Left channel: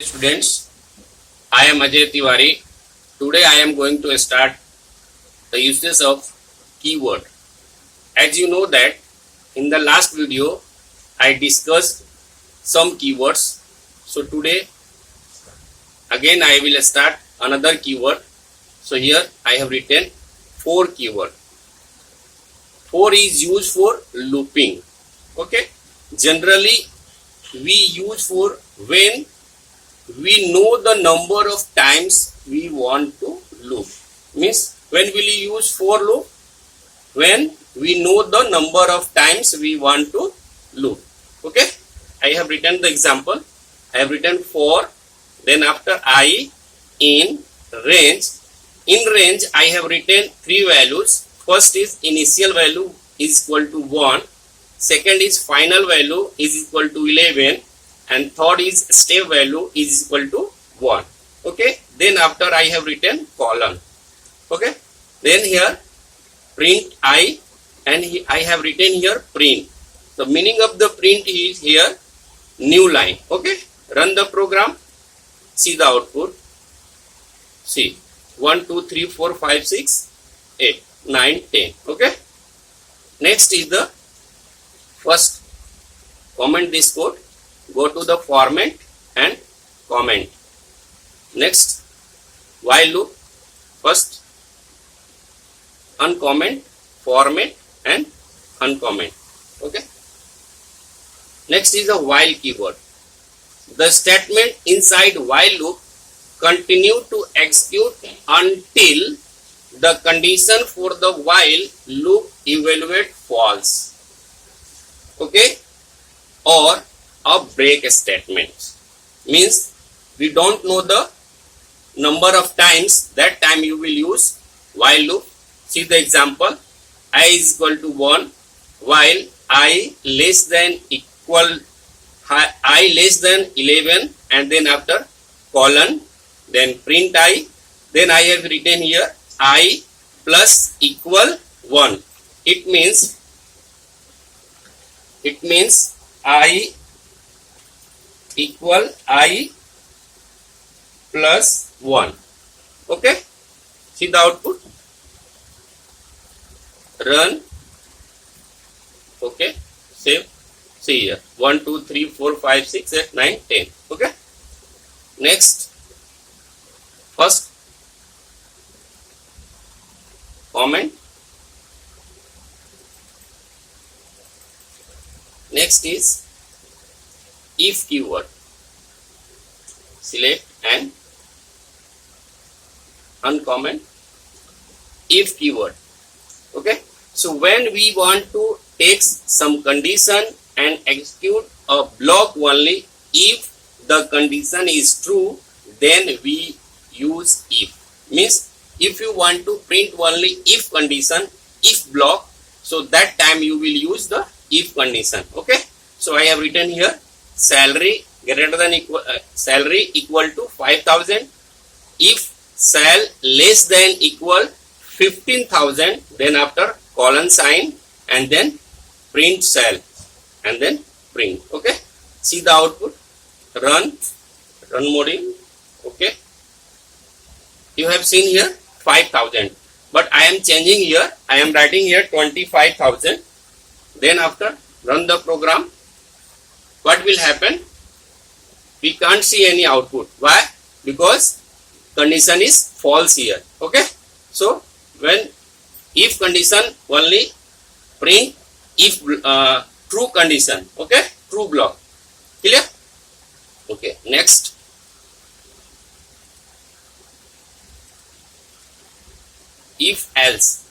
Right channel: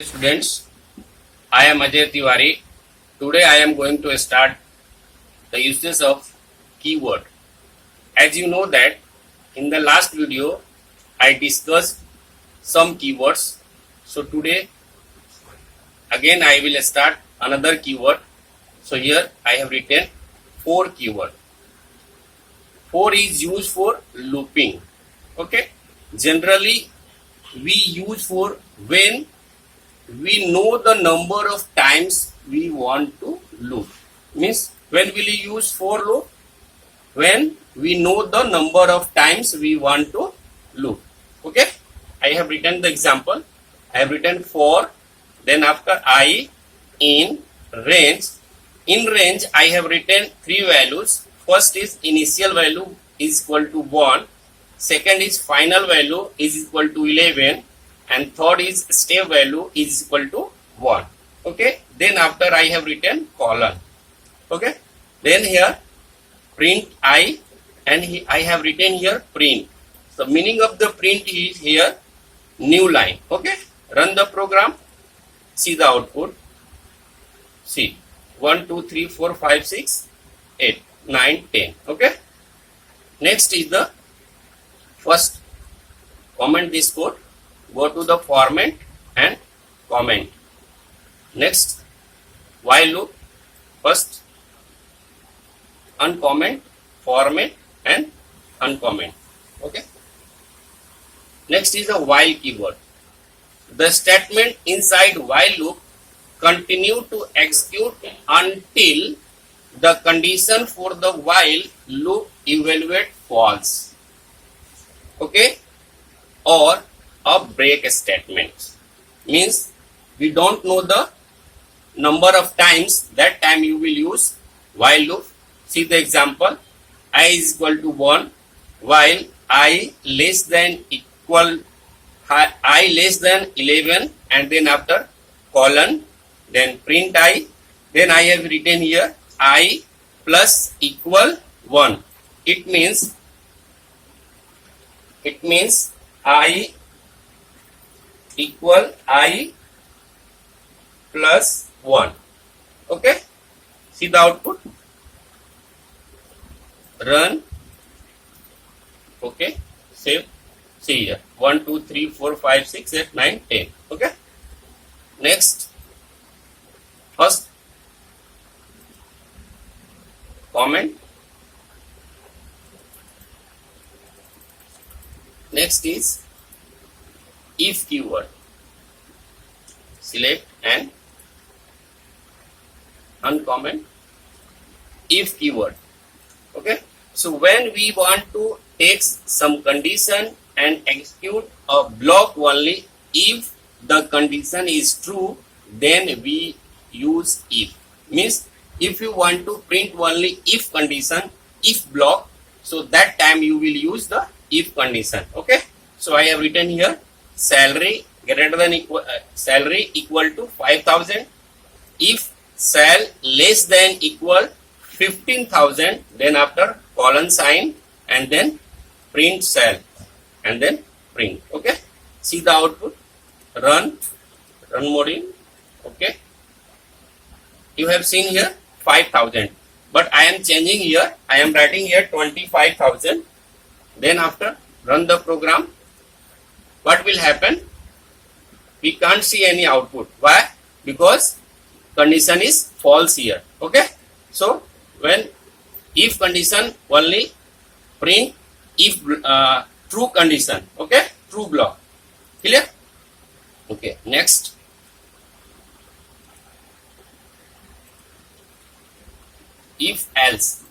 Students, I am Ajay Tiwari. Today I am going to start the uses of keyword. As you know that in the last video I discussed some keywords. So today again I will start another keyword. So here I have written 4 keyword. 4 is used for looping. Okay. Generally we use for when we know the number of times we want to loop. Means when will you use for loop? When we know the number of times we want to loop. Okay. I have written the example. I have written for, then after I, in, range. In range I have written 3 values. First is initial value is equal to 1. Second is final value is equal to 11. And third is step value is equal to 1. Okay. Then after I have written colon. Okay. Then here print I, and I have written here print. The meaning of the print is here new line. Okay. Run the program. See the output. See 1, 2, 3, 4, 5, 6, 8, 9, 10. Okay. Next is the first comment this code. Go to the format and comment. Next, while loop. First, uncomment, format and uncomment. Okay. Next is the while keyword. The statement inside while loop continue to execute until the condition for the while loop evaluate false. Okay. Or a break statement. Means we don't know the number of times, that time you will use while loop. See the example. I is equal to 1 while I less than 11, and then after colon, then print I. Then I have written here I plus equal 1. It means I equal I plus 1. Okay. See the output. Run. Okay. Save. See here. 1, 2, 3, 4, 5, 6, 8, 9, 10. Okay. Next. First. Comment. Next is if keyword. Select and uncomment if keyword. Okay. So when we want to take some condition and execute a block only if the condition is true, then we use if. Means if you want to print only if condition, if block, so that time you will use the if condition. Okay. So I have written here salary greater than salary equal to 5,000. If sal less than equal 15,000, then after colon sign and then print sal and then print. Okay. See the output. Run module. Okay. You have seen here 5,000, but I am changing here. I am writing here 25,000. Then after run the program. What will happen? We can't see any output. Why? Because condition is false here. Okay. So when if condition only print if true condition. Okay. True block. Clear? Okay. Next. If else.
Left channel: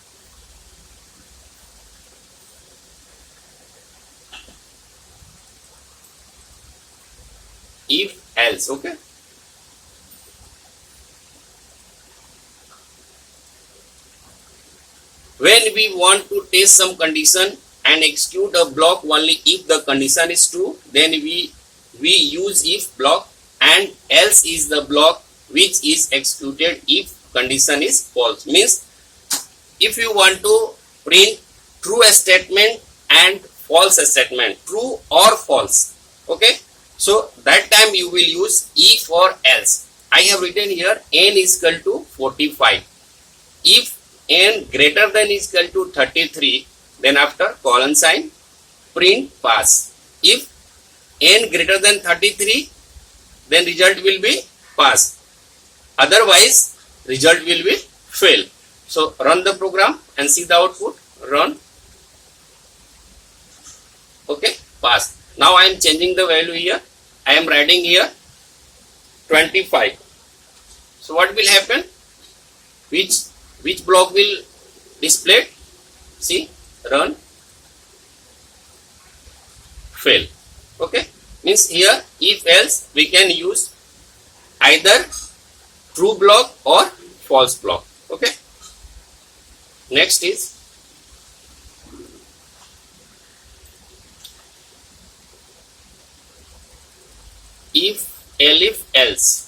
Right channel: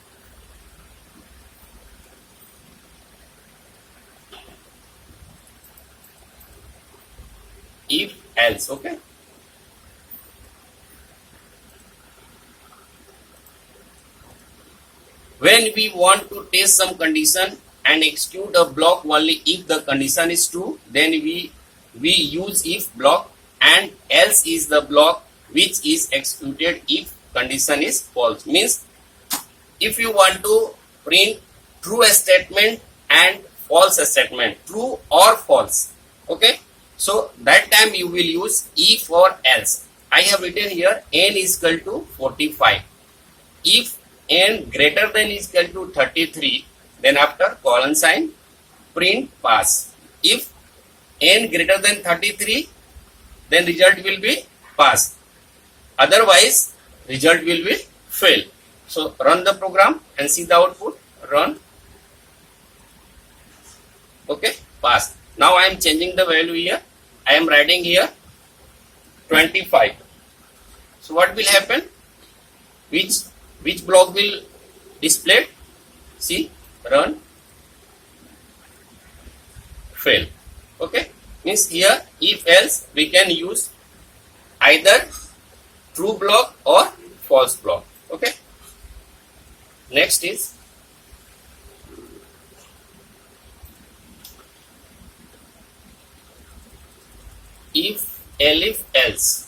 If else. Okay. When we want to test some condition and execute a block only if the condition is true, then we use if block, and else is the block which is executed if condition is false. Means if you want to print true statement and false statement, true or false. Okay. So that time you will use if or else. I have written here n is equal to 45. If n greater than is equal to 33, then after colon sign, print pass. If n greater than 33, then result will be pass. Otherwise, result will be fail. So run the program and see the output. Run. Okay, pass. Now I am changing the value here. I am writing here 25. So what will happen? Which block will display? See, run, fail. Okay, means here if else we can use either true block or false block. Okay, next is if elif else.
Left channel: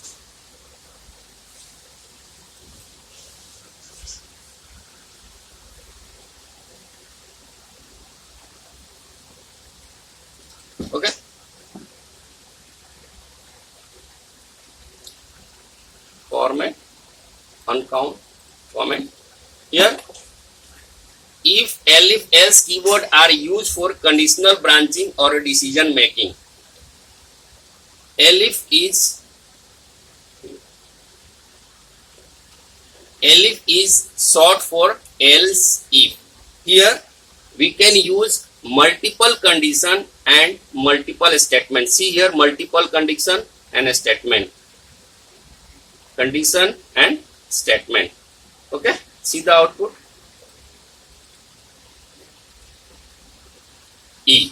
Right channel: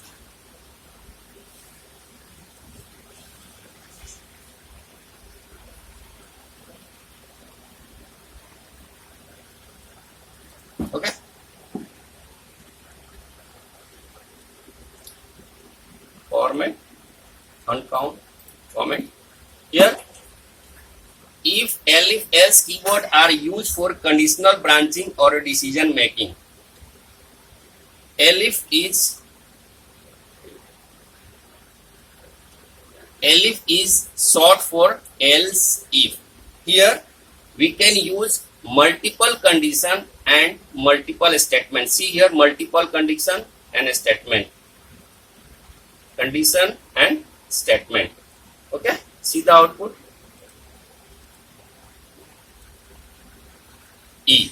Okay, format, uncount, format. Here, if elif else keyword are used for conditional branching or decision making. Elif is short for else if. Here we can use multiple condition and multiple statement. See here, multiple condition and a statement. Condition and statement. Okay, see the output. E.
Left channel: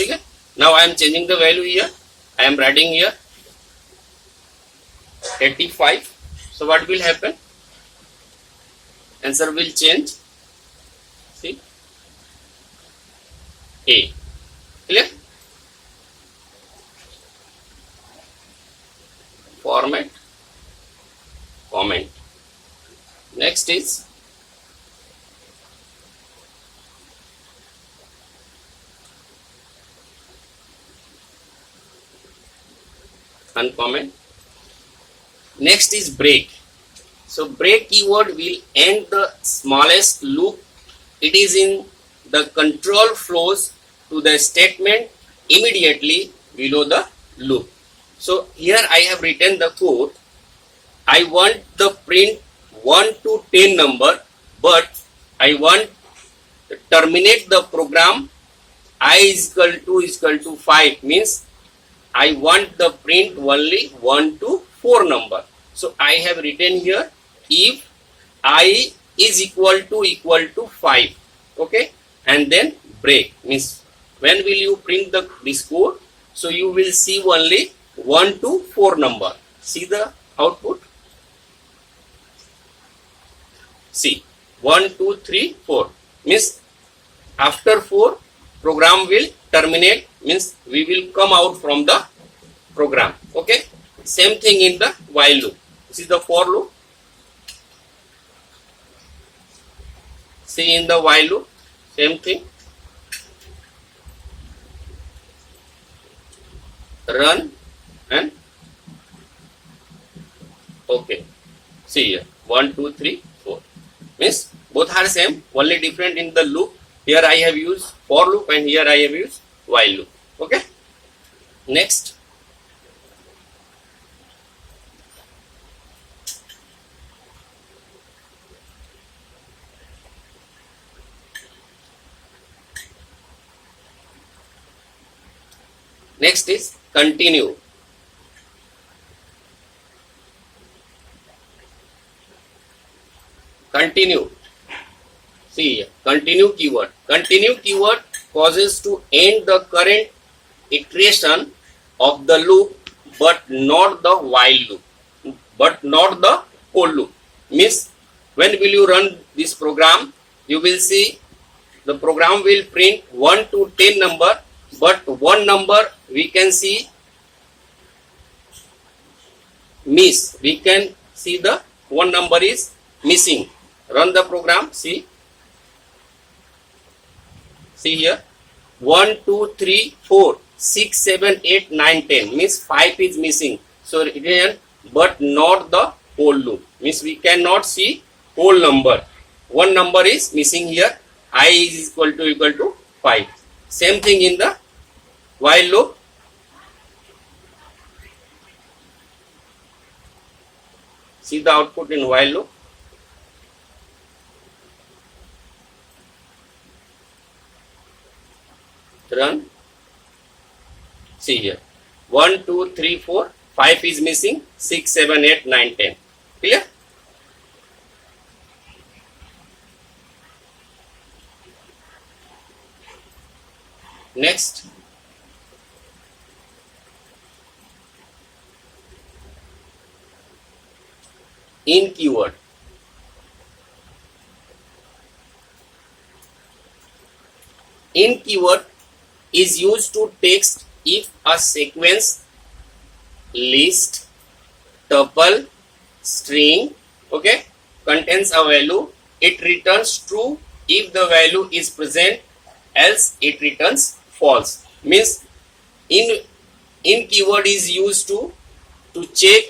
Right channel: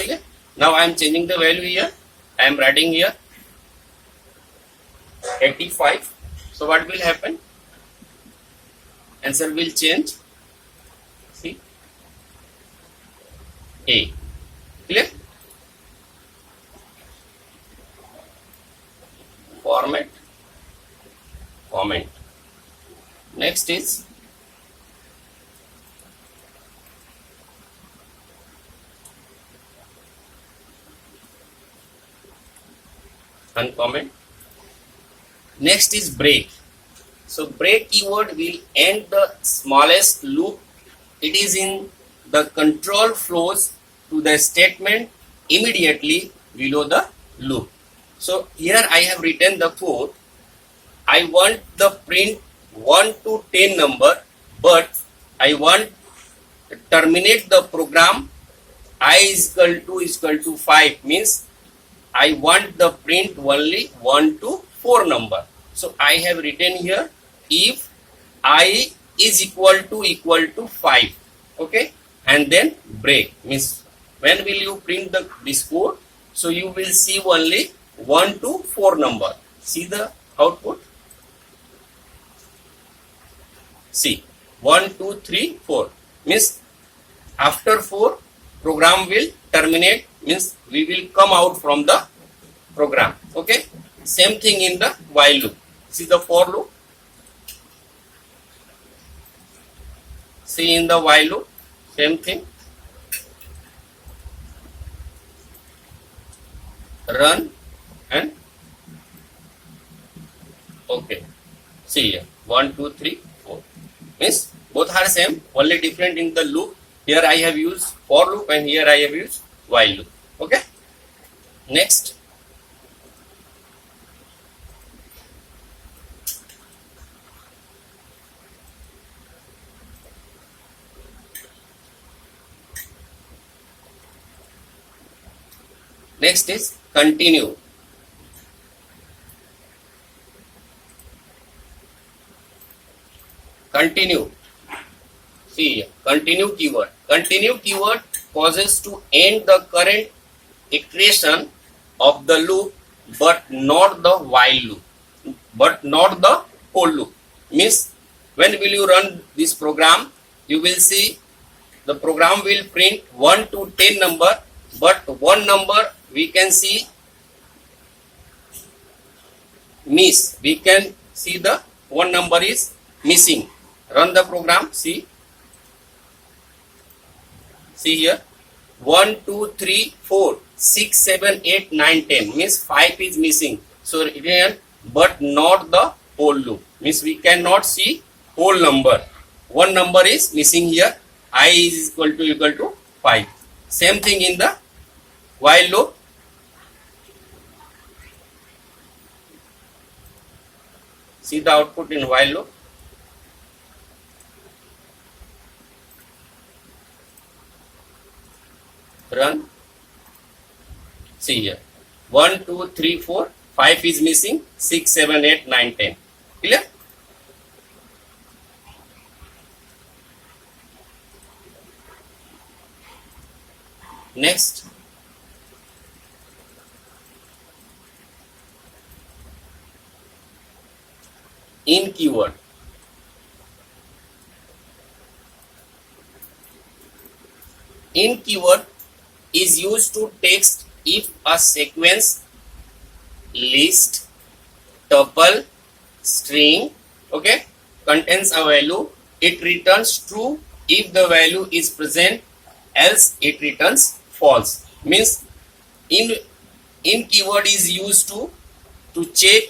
Okay. Now I am changing the value here. I am writing here 85. So what will happen? Answer will change. See, A. Clear? Format, comment. Next is uncomment. Next is break. So break keyword will end the smallest loop. It is in the control flows to the statement immediately below the loop. So here I have written the code. I want the print 1 to 10 number, but I want to terminate the program I is equal to 5, means I want the print only 1 to 4 number. So I have written here if I is equal to 5. Okay, and then break, means when will you print this code? So you will see only 1 to 4 number. See the output. See 1, 2, 3, 4, means after 4 program will terminate, means we will come out from the program. Okay, same thing in the while loop. See the for loop. See in the while loop, same thing. Run and okay. See here 1, 2, 3, 4. Means both are same, only different in the loop. Here I have used for loop and here I have used while loop. Okay. Next. Next is continue. Continue. See, continue keyword. Continue keyword causes to end the current iteration of the loop, but not the while loop, but not the whole loop. Means when will you run this program? You will see the program will print 1 to 10 number, but one number we can see miss. We can see the one number is missing. Run the program. See here 1, 2, 3, 4. 6, 7, 8, 9, 10 means 5 is missing. So written but not the whole loop means we cannot see whole number. One number is missing here. I is equal to 5. Same thing in the while loop. See the output in while loop. Run. See here. 1, 2, 3, 4, 5 is missing. 6, 7, 8, 9, 10. Clear? Next. In keyword. In keyword is used to text if a sequence, list, tuple, string, okay, contains a value. It returns true if the value is present, else it returns false. Means in keyword is used to check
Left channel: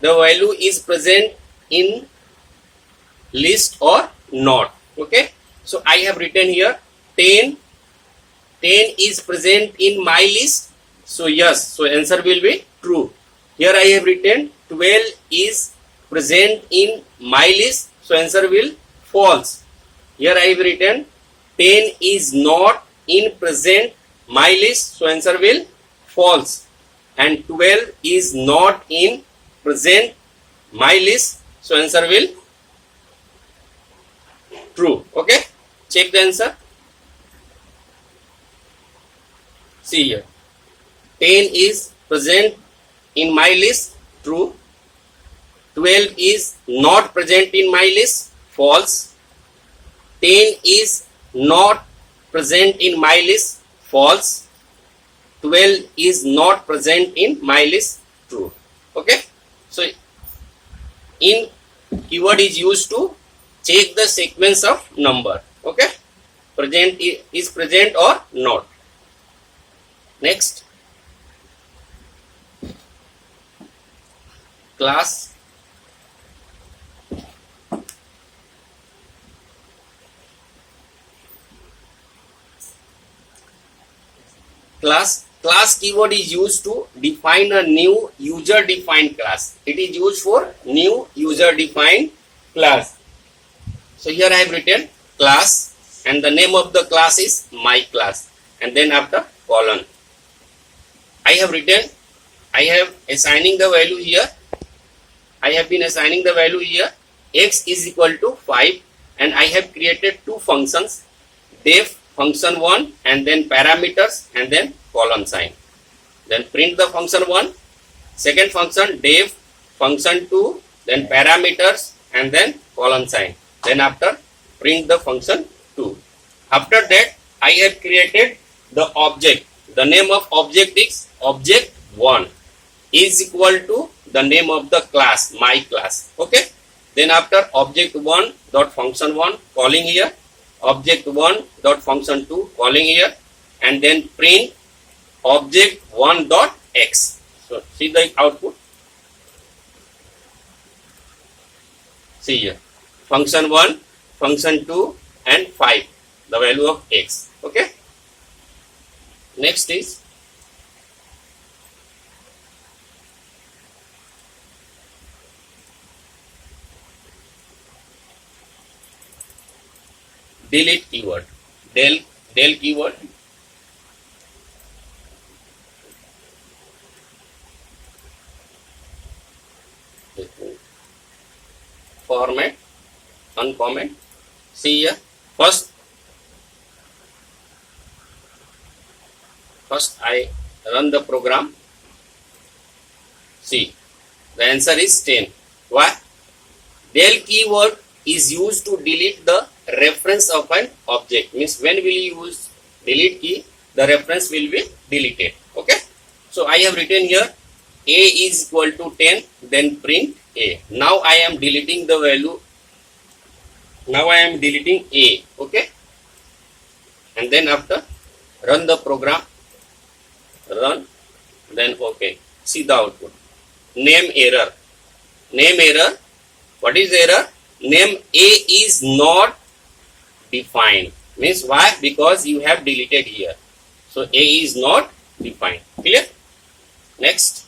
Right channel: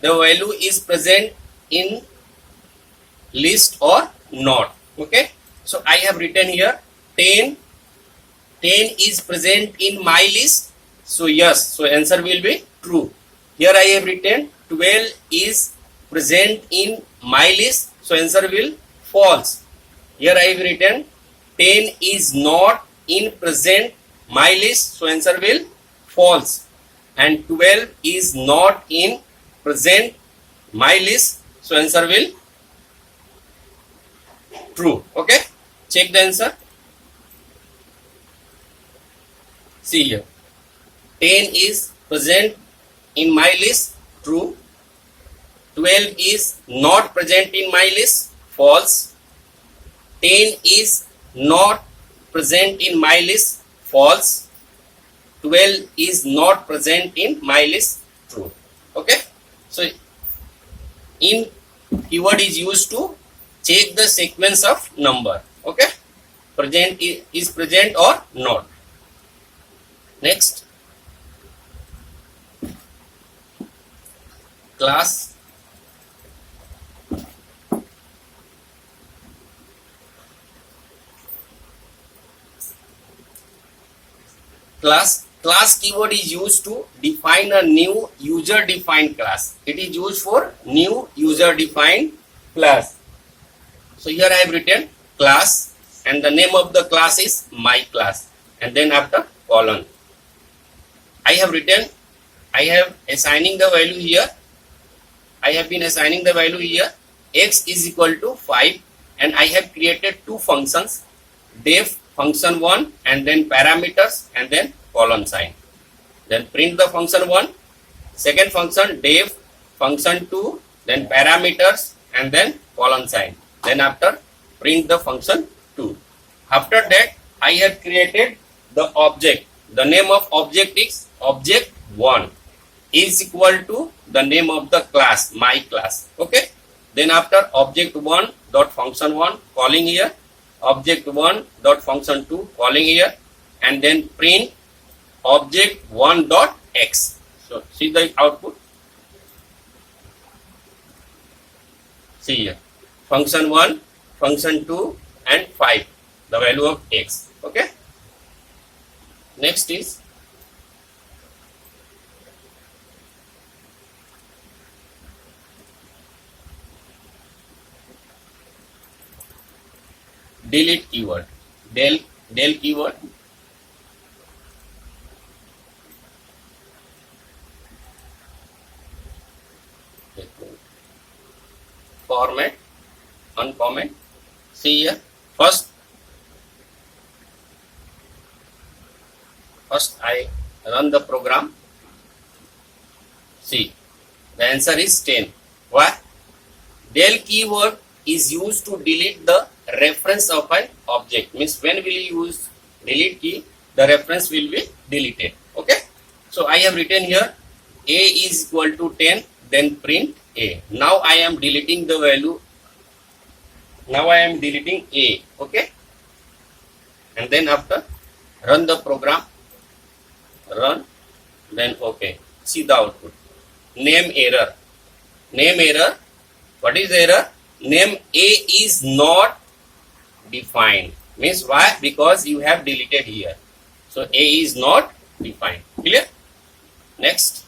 the value is present in list or not. Okay, so I have written here 10 is present in my list, so yes, so answer will be true. Here I have written 12 is present in my list, so answer will false. Here I have written 10 is not in present my list, so answer will false. And 12 is not in present my list, so answer will true. Okay, check the answer. See here, 10 is present in my list, true. 12 is not present in my list, false. 10 is not present in my list, false. 12 is not present in my list, true. Okay, so in keyword is used to check the sequence of number. Okay, present is present or not. Next, class. Class keyword is used to define a new user defined class. It is used for new user defined class. So here I have written class and the name of the class is my class, and then after colon I have written, I have assigning the value here. I have been assigning the value here. X is equal to 5, and I have created two functions, def function 1 and then parameters and then colon sign. Then print the function 1, second function def function 2, then parameters and then colon sign. Then after print the function 2. After that I have created the object. The name of object is object 1 is equal to the name of the class, my class. Okay. Then after object 1 dot function 1 calling here, object 1 dot function 2 calling here, and then print object 1 dot x. So see the output. See here, function 1, function 2 and 5, the value of x. Okay. Next is delete keyword. Del keyword. Format, uncomment. See here, first I run the program. See, the answer is 10. Why? Del keyword is used to delete the reference of an object. Means when we use delete key, the reference will be deleted. Okay. So I have written here a is equal to 10, then print a. Now I am deleting the value. Now I am deleting a. Okay. And then after run the program. run, then OK. See the output. Name error. Name error. What is error? Name A is not defined. Means why? Because you have deleted here. So A is not defined. Clear? Next.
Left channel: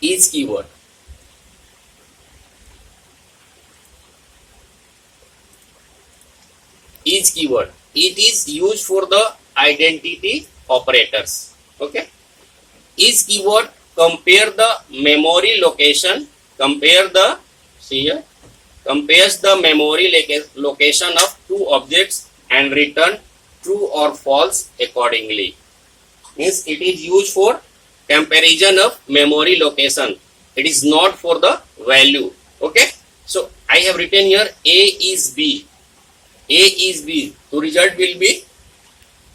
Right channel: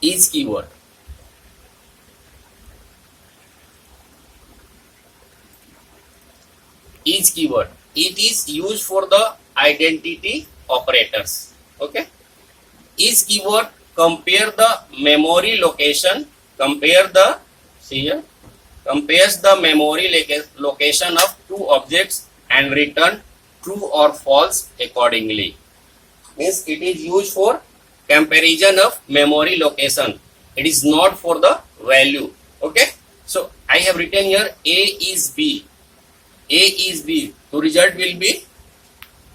Is keyword. Is keyword. It is used for the identity operators. Okay. Is keyword compare the memory location. Compare the, see here, compares the memory location of two objects and return true or false accordingly. Means it is used for comparison of memory location. It is not for the value. Okay. So I have written here A is B. A is B. So result will be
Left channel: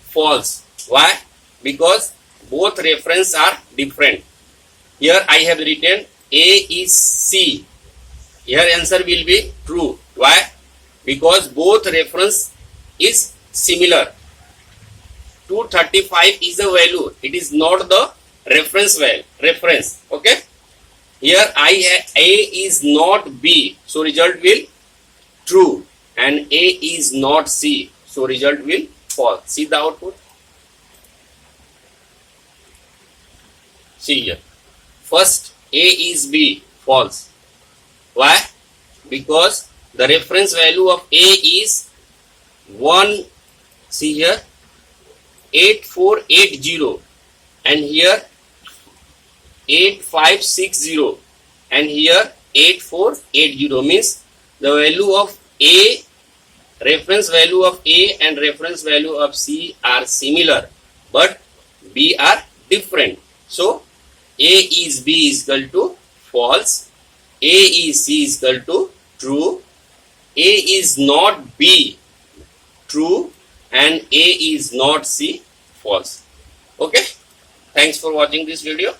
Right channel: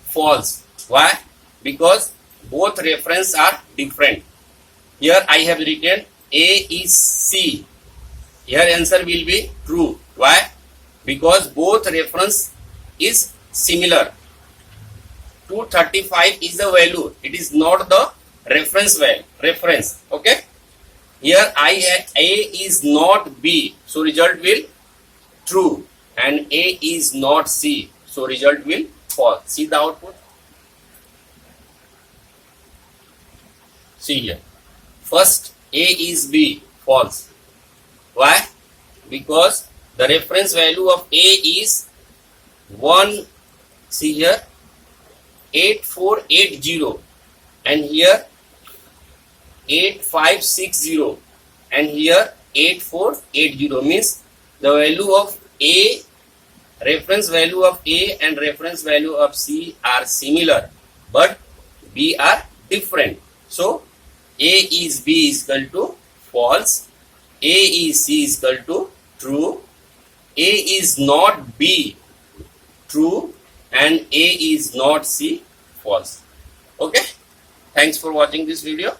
false. Why? Because both reference are different. Here I have written A is C. Here answer will be true. Why? Because both reference is similar. 235 is the value. It is not the reference value. Reference. Okay. Here I have A is not B. So result will true. And A is not C. So result will false. See the output. See here. First A is B. False. Why? Because the reference value of A is 1. See here. 8480. And here 8560. And here 8480. Means the value of A, reference value of A and reference value of C are similar, but B are different. So A is B is equal to false, A is C is equal to true, A is not B true, and A is not C false. Okay. Thanks for watching this video.